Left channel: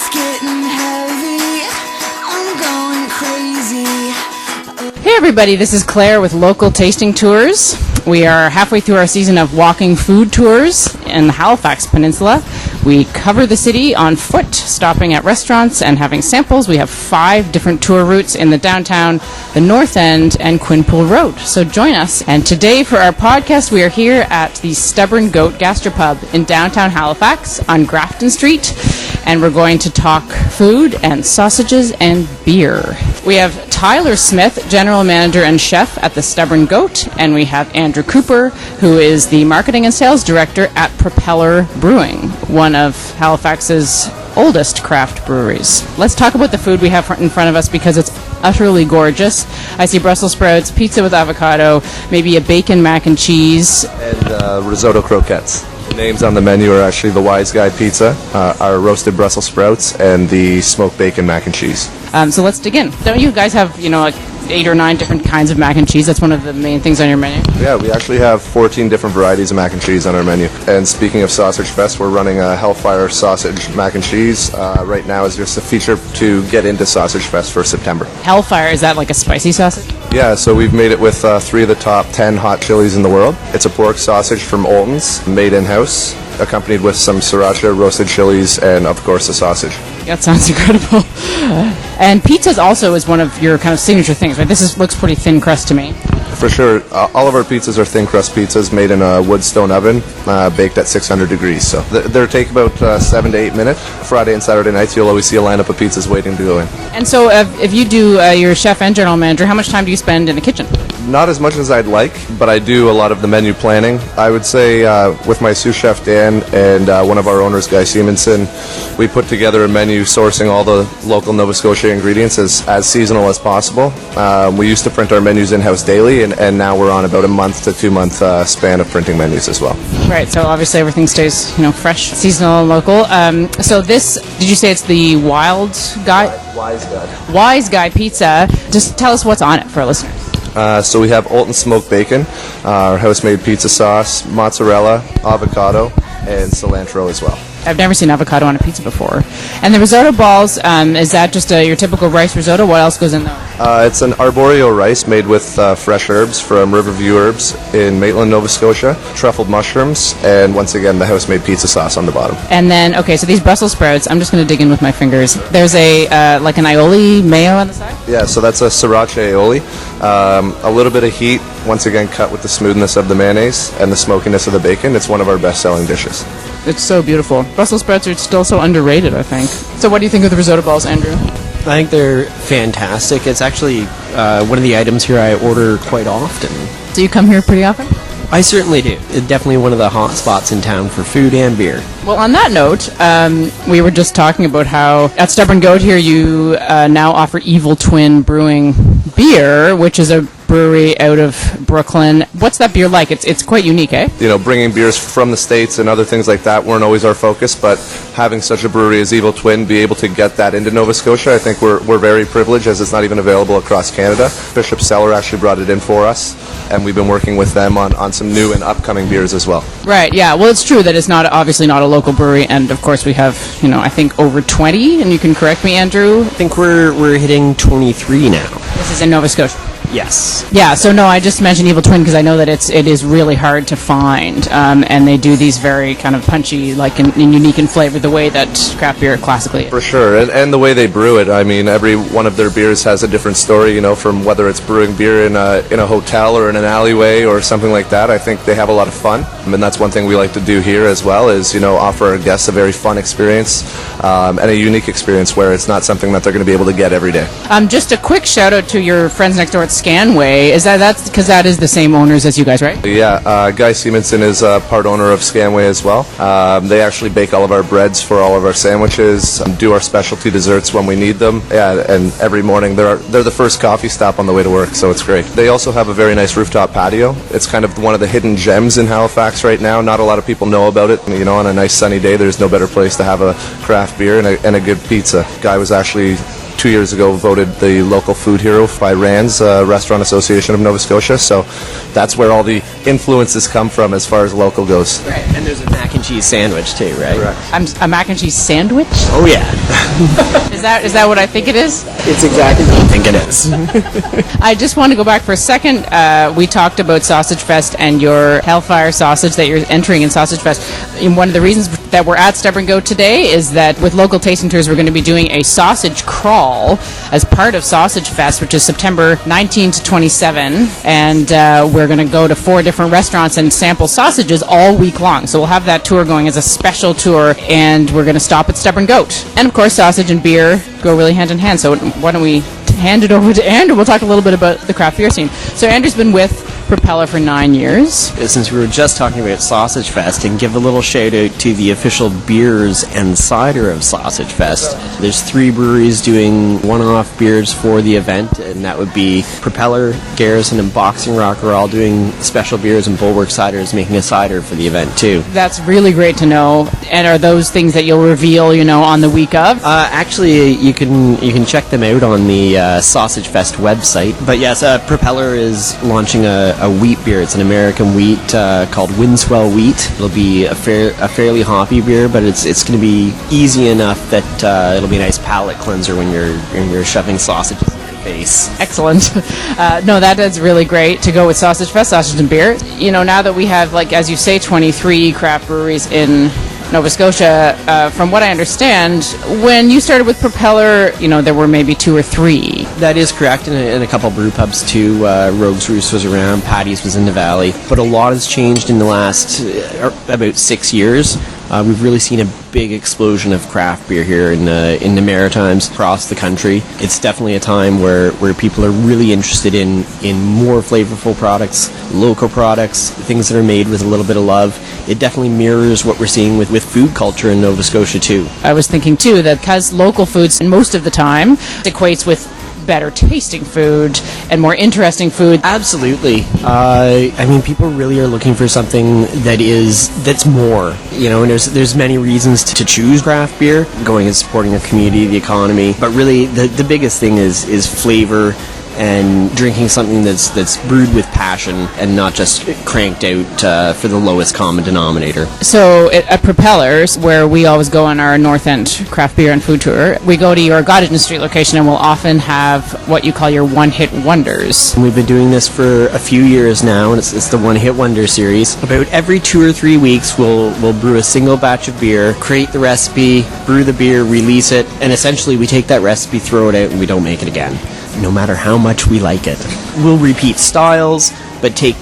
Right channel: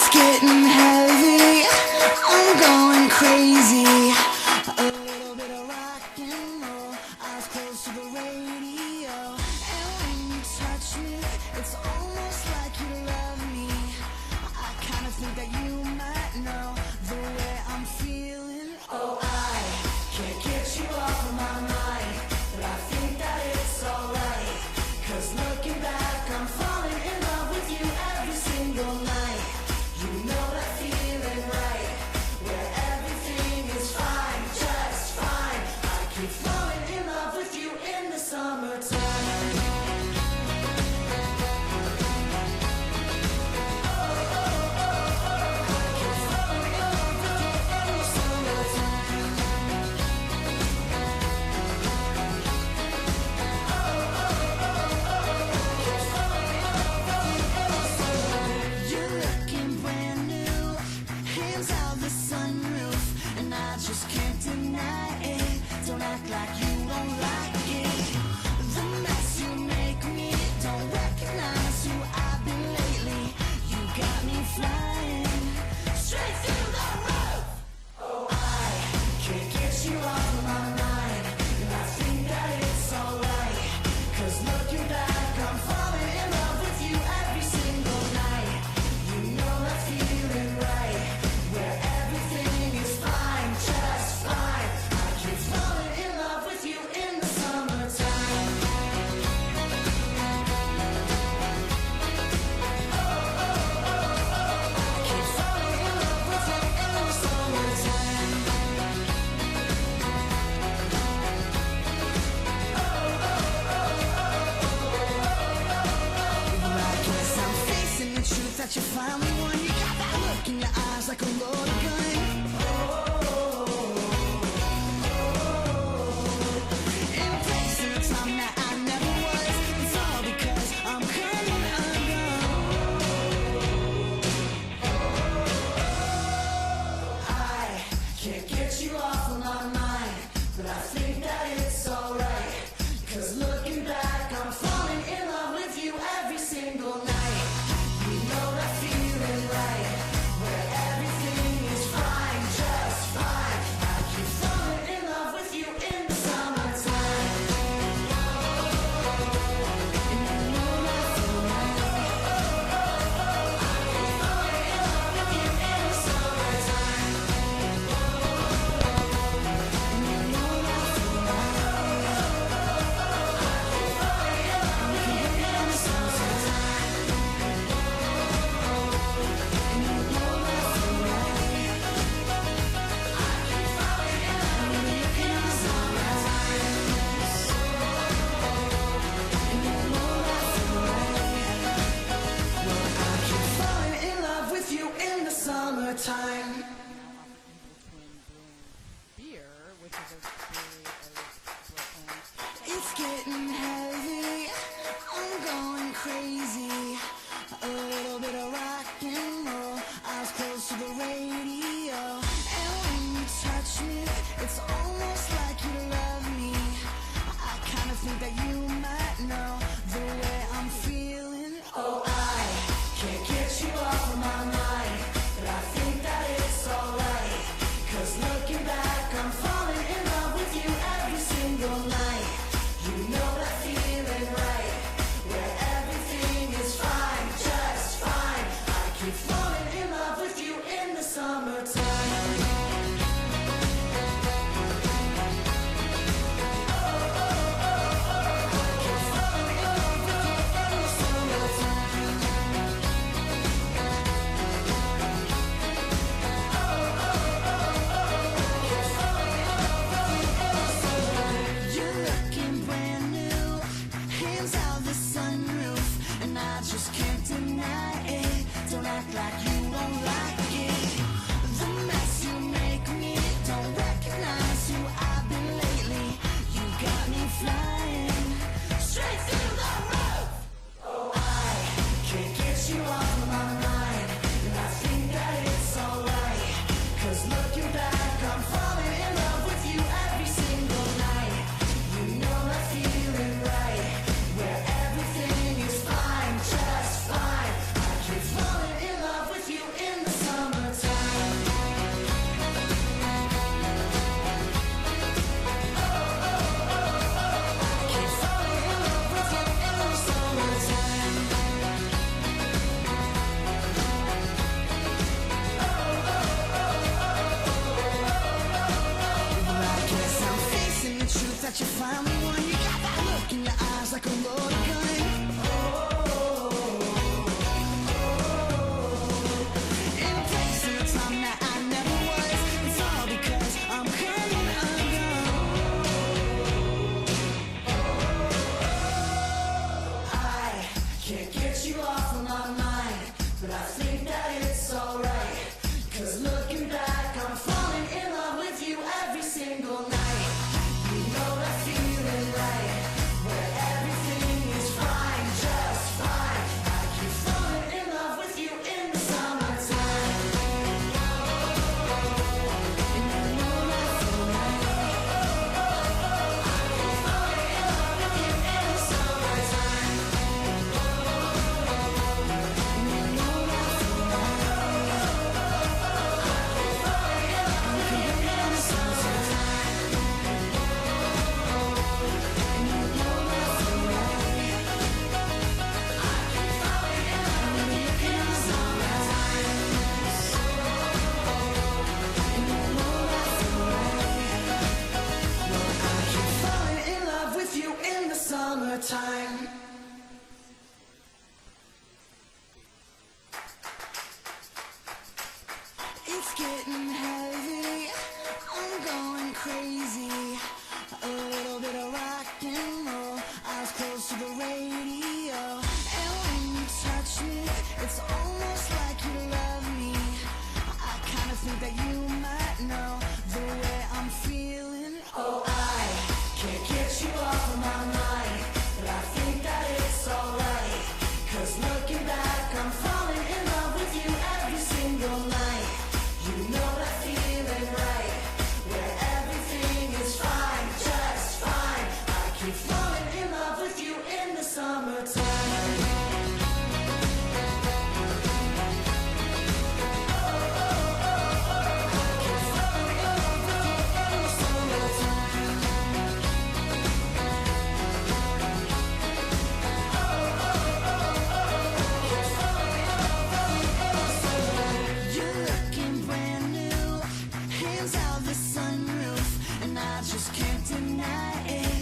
It's getting heavy. I'm going crazy. Hey everybody, this is Claire with Local Tasting Tours. We are halfway through our season of walking food tours in the Halifax Peninsula. We cover the city on foot, stopping at restaurants and having samples. We have 5 different tour routes in the downtown, the North End, and Quinpool Road. So join us. And today for our podcast, we are here at the Stubborn Goat Gastropub in downtown Halifax on Grafton Street. And we're going to talk food and sausages and beer. We have Tyler Smith, General Manager and Chef at the Stubborn Goat, and we have Andrew Cooper, who is the Marketing and Sales Director at Propeller Brewing, one of Halifax's oldest craft breweries. Let's talk about the food we have in front of us because it's utterly gorgeous. I see Brussels sprouts, pizza with avocado, maybe a bacon mac and cheese. And Risotto Croquettes. The names on the menu are actually the Wise Guy Pizza, our roasted Brussels sprouts, and the smoked bacon mac and cheese. So let's dig in. Don't you guys have, like 8 or 9 different kinds of mac and cheese? That's one of the main things on your menu. Yeah, we actually have 14 different varieties of mac and cheese on our menu. And speaking of Sausage Fest, we're running a Hellfire sausage mac and cheese. Right now is just a feature to get into Sausage Fest for September. Hellfire, is that like a spicy sausage? Yeah, so we've made it with 3 of the top 10 hot chilies in the world. It's a pork sausage from Olton's, made in-house, accompanied with some sriracha, roasted chilies, and of course a sausage. That sounds incredible. And pizza also is one of your kind of signature things, right? Looks pretty thin crust to me. For sure. All of our pizzas are thin crust pizzas made in a wood stone oven, baked at 600 degrees. So they take about 7 to 8 minutes. Friday and Saturday nights, you'll always see a lineup of pizzas waiting to go in. And so if you do your chef and general manager, how much time do you spend in the kitchen? Not as much as I'd like, but I do a lot of the menu planning. I would say with my sous chef Dan and one of our owners, Guy Simonson, we put together a menu sourcing all the local Nova Scotia ingredients as seasonal as possible. We used to print our menus in-house daily, and now we're on about a month to 2 month span of printing menus as well. Right, so obviously everything stays fresh, seasonal, and local. So this, did you say it's the Wise Guy? Wise Guy Pizza. Just tell us what's on it for our listeners. So we have Olton smoked bacon, our house-made pizza sauce, mozzarella, avocado, and cilantro as well. I've never seen avocado on a pizza before. And the risotto balls, is that just your typical rice risotto? What else goes in there? It's an arborio rice made with fresh herbs from Riverview Herbs in Maitland, Nova Scotia, truffled mushrooms, and once again the house-made pizza sauce on the bottom. And then, okay, so these Brussels sprouts, I'm just going to dig in with my fingers. There's a like an aioli mayo on the side? Yeah, so that's a sriracha aioli. A little bit of heat, once again cut with the smoothness of the mayonnaise and the smokiness of the bacon. It's one of our best-selling dishes. It's so beautiful. Brussels sprouts are still so underrated, I think. So what do you think of the risotto balls, Andrew? I think they're fantastic. It's actually one of the items here I order quite often. Do you come here pretty often? I certainly do. It's definitely one of the hot spots in town for food and beer. Well, on that note, we were just talking about how at Stubborn Goat here you now offer Evil Twin Brewing beer, which is a brewery out of Brooklyn. What's that beer like? It's quite unique, eh? Bringing beers from the States and other things like that weren't always our focus, but having such a brewery as Evil Twin be able to get that into Nova Scotia, I think we're very privileged as it's not even available across Canada. Bishop Cellar actually brought it in for us, and we've been working with them on some new and upcoming beers as well. Right, yeah. Well, it's true that it's obviously not a local brewery, and of course we have, I think over 20, and you can correct me, Andrew. I think we're hitting 23 now. This is in Nova Scotia. Yes. Yeah, so no, I just mentioned Evil Twin because I know that it is really hard to find, and they do these very kind of punchy, and unique in flavor, the way that craft beer classically is. For sure, and the way they brew it. I mean, every one of their beers has a different story, from whether it's brewing beer in a hotel or in an alleyway or something like that. I think they have a lot of fun, and that's one thing we like to do here as well is, offer our guests a very fun experience and a unique experience where it's not something that they're going to be able to get every day. Just a quick shout out to your friends next door at Scanway. Is that's because that is the same owners as you guys, right? Yeah, Guy Simonson is part owner of Scanway as well. They actually bake all of our breads for all of our sandwiches, do our specialty desserts when we need them. Yeah, and every morning they're the first coffee stop on the way to work, so it's great. They also have a very nice rooftop patio. It's kind of one of the hidden gems in Halifax right now. Not a lot of people know about it. On a nice sunny day, there's no better place to have a craft beer and a good pizza. Guy was actually 2 years ago voted the local food hero by RANS, Restaurant Association of Nova Scotia. So that's where all the influences come from as far as local goes. Right. And there's a mac and cheese sandwich too, right? Correct. A mac and cheese sandwich? Oh yeah. Is that what I think it is? It's exactly what I think it is. I just want to go back for a second. We talked about Sausage Fest and your Hellfire sausage that you're entering in Sausage Fest. And one of the reasons that we're at Stubborn Goat today is that with local tasting tours, we're going to be doing a sausage crawl as part of Sausage Fest, which is September 19 to 27. And we're going to go to 4 different restaurants and sample sausages all week long. So we'll have that tour going as a special tour, and we're going to stop at Stubborn Goat. And of course, sausage and beer go really hand in hand. So why don't we hand it over to Andrew? We'll talk a little bit about the craft beer scene. So Andrew's been with Propeller for 9 years. Since we were just talking about Sausage Fest, and give a little shout out to the official beers and cider of Sausage Fest. There's 3 breweries doing one-off beers for the event, and that would be Propeller, Garrison, and Boxing Rock are all doing special beers, and Bulwark Cider is making a cider for the event too. That's really great to know. And are those things that you'll reveal, on the week of? Actually, you can check them out on the Sausage Fest website. But yes, Propeller is launching a wheat beer. It's an American wheat called Windswell Wheat. It'll be a fairly hoppy beer, but it's going to be easy enough that it'll be a nice palate cleanser when you're shoving sausage in your face. Excellent. No, that is really great to go with Sausage Fest, sausage and beer. Now that we have, as you say, 23 craft breweries in Nova Scotia, from what I understand, when you started with Propeller, there were maybe 2 or 3. That is correct, and a couple brew pubs too. Rogue's Roost was around, Patty's was in the Valley. But a lot has changed in the last about 6 years. We've really seen a big explosion of craft beer here in the Maritimes, across the country. It's definitely a time where people are really interested in more flavorful products, local products, things that are made with a little bit of love. It definitely mirrors what we're seeing with food culture in Nova Scotia too. I was thinking too that because local foods most of the time equates with better tasting food and more interesting food. Absolutely. People really are looking for something that's more. And there's many reasons to choose craft beer, going and supporting a community, the economy. But really, the biggest thing is flavor and drinking something that's brewed with passion and not just cranked out for the lowest common denominator. So at Propellers, where we always go on our North End craft beer and food tour, we go to your Gottingen Street location and we'll often have what you call your one-hit wonders. And we've been doing this for a few years now, and it's the one-hit wonder series. About every 2 or 3 weeks, we'll brew a single batch of beer, create the recipe, brew the beer, release it, and essentially we take that recipe, throw it out, and we don't make it again, no matter how much we like it. We'll repeat styles, but take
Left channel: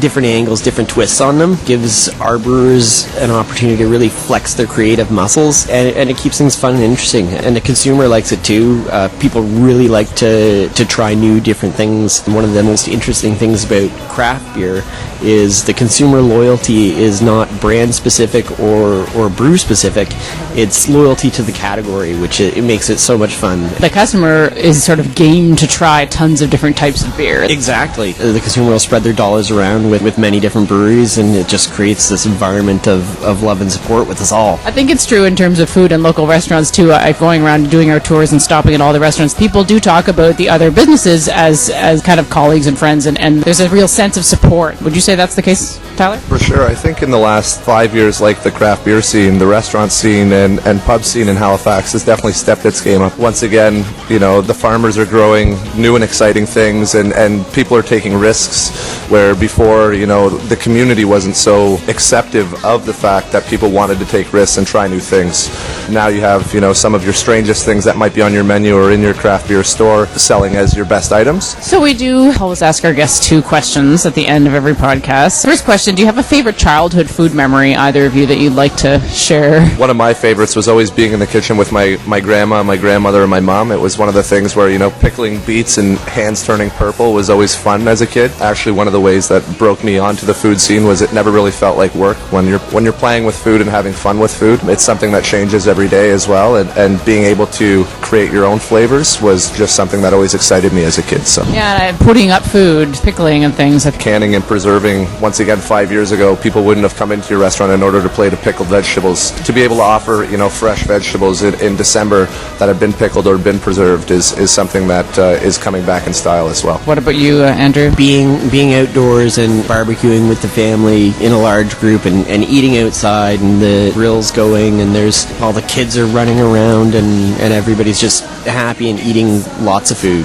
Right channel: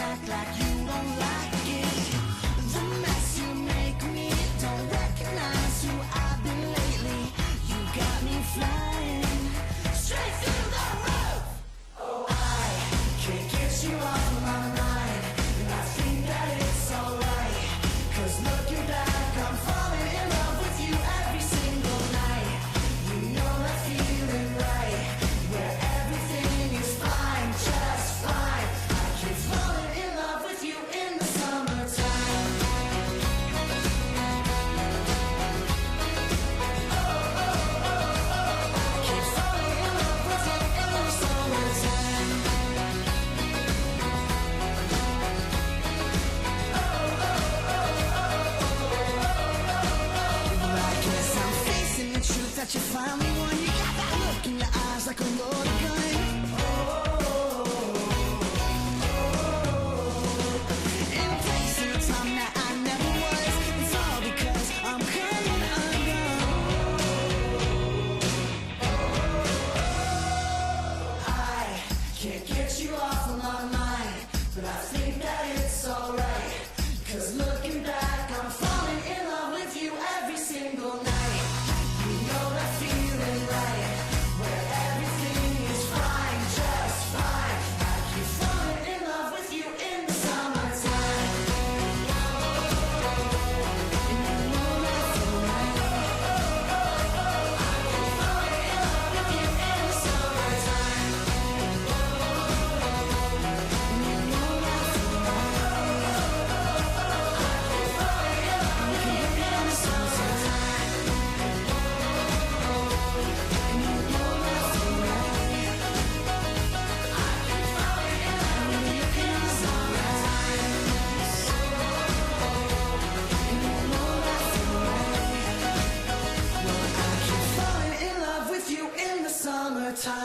different angles, different twists on them. Gives our brewers an opportunity to really flex their creative muscles, and it keeps things fun and interesting. And the consumer likes it too. People really like to try new, different things. One of the most interesting things about craft beer is the consumer loyalty is not brand specific or brew specific. It's loyalty to the category, which it makes it so much fun. The customer is sort of game to try tons of different types of beer. Exactly. The consumer will spread their dollars around with many different breweries, and it just creates this environment of love and support with us all. I think it's true in terms of food and local restaurants too. Going around and doing our tours and stopping at all the restaurants, people do talk about the other businesses as kind of colleagues and friends, and there's a real sense of support. Would you say that's the case, Tyler? For sure. I think in the last 5 years, the craft beer scene, the restaurant scene, and pub scene in Halifax has definitely stepped its game up. Once again, the farmers are growing new and exciting things, and people are taking risks where before, the community wasn't so acceptive of the fact that people wanted to take risks and try new things. Now you have, some of your strangest things that might be on your menu or in your craft beer store selling as your best items. So we do always ask our guests 2 questions at the end of every podcast. First question, do you have a favorite childhood food memory, either of you, that you'd like to share? One of my favorites was always being in the kitchen with my grandma, my grandmother, and my mom. It was one of the things where, pickling beets and hands turning purple was always fun as a kid. Actually, one of the ways that broke me onto the food scene was it never really felt like work. When you're playing with food and having fun with food, it's something that changes every day as well, and being able to create your own flavors was just something that always excited me as a kid. So Yeah, putting up food, pickling and things. canning and preserving, once again, 5 years ago, people wouldn't have come into your restaurant in order to plate of pickled vegetables. To be able to offer, fresh vegetables in December that have been pickled or been preserved is something that is coming back in style as well. What about you, Andrew? Being outdoors and barbecuing with the family in a large group and eating outside and the grill's going and there's all the kids are running around and everybody's just happy and eating lots of food.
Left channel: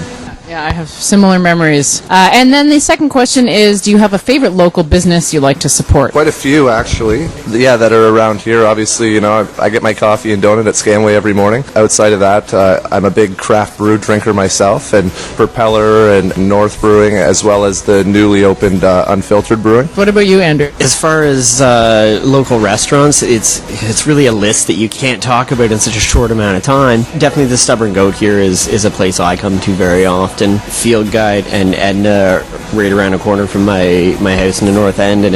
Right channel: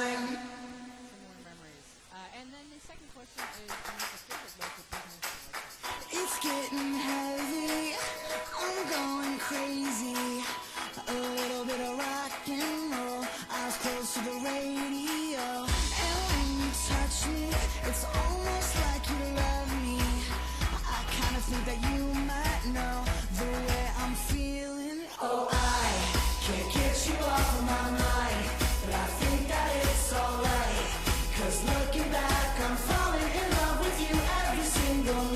Yeah, I have similar memories. And then the second question is, do you have a favorite local business you like to support? Quite a few, actually. Yeah, that are around here. Obviously, I get my coffee and donut at Scanway every morning. Outside of that, I'm a big craft brew drinker myself, and Propeller and North Brewing, as well as the newly opened Unfiltered Brewing. What about you, Andrew? As far as local restaurants, it's really a list that you can't talk about in such a short amount of time. Definitely the Stubborn Goat here is a place I come to very often. Field Guide and Edna right around a corner from my house in the North End, and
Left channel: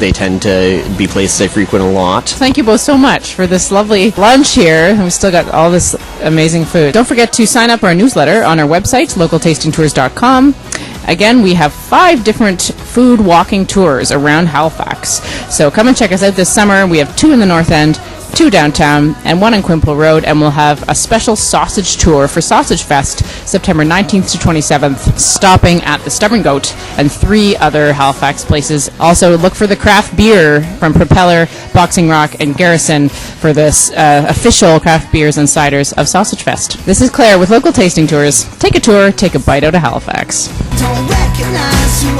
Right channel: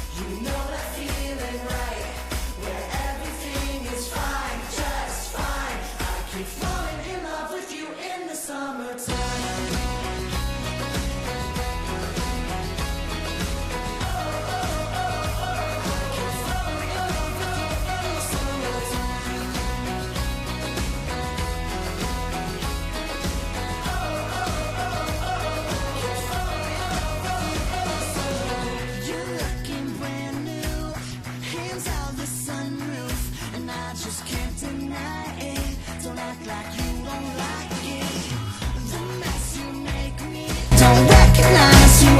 they tend to be places I frequent a lot. Thank you both so much for this lovely lunch here. We've still got all this amazing food. Don't forget to sign up our newsletter on our website, localtastingtours.com. Again, we have 5 different food walking tours around Halifax. So come and check us out this summer. We have 2 in the North End, 2 downtown, and 1 on Quimple Road, and we'll have a special sausage tour for Sausage Fest, September 19th to 27th, stopping at the Stubborn Goat and 3 other Halifax places. Also, look for the craft beer from Propeller, Boxing Rock, and Garrison for this official craft beers and ciders of Sausage Fest. This is Claire with Local Tasting Tours. Take a tour, take a bite out of Halifax. Don't recognize who